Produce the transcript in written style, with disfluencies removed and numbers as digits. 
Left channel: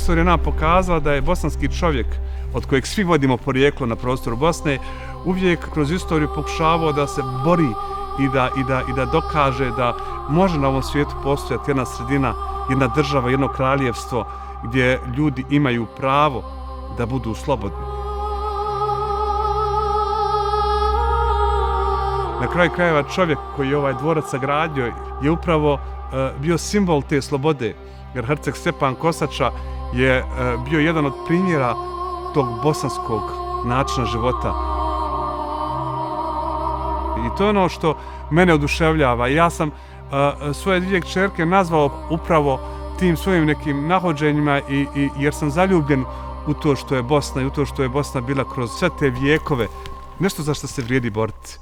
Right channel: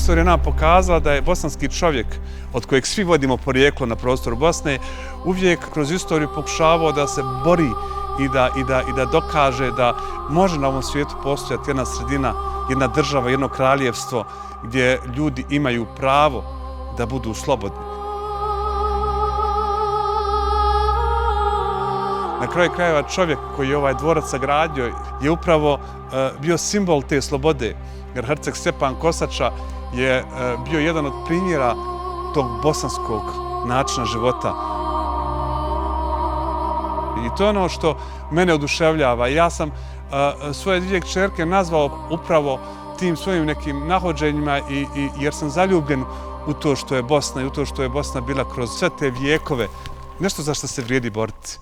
istorija nam pokazala da je bosanski čovjek, od kojeg svi vodimo porijeklo na prostoru Bosne, uvijek kroz istoriju pokušavao da se bori i da dokaže da može na ovom svijetu postojati jedna sredina, jedna država, jedno kraljevstvo gdje ljudi imaju pravo da budu slobodni. Na kraju krajeva čovjek koji je ovaj dvorac sagradio je upravo bio simbol te slobode, jer herceg Stjepan Kosača je bio jedan od primjera tog bosanskog načina života. I to je ono što mene oduševljava. Ja sam svoje dvije kćerke nazvao upravo tim svojim nekim nahođenjima jer sam zaljubljen u to što je Bosna i u to što je Bosna bila kroz sve te vijekove. Nešto za što se vrijedi boriti.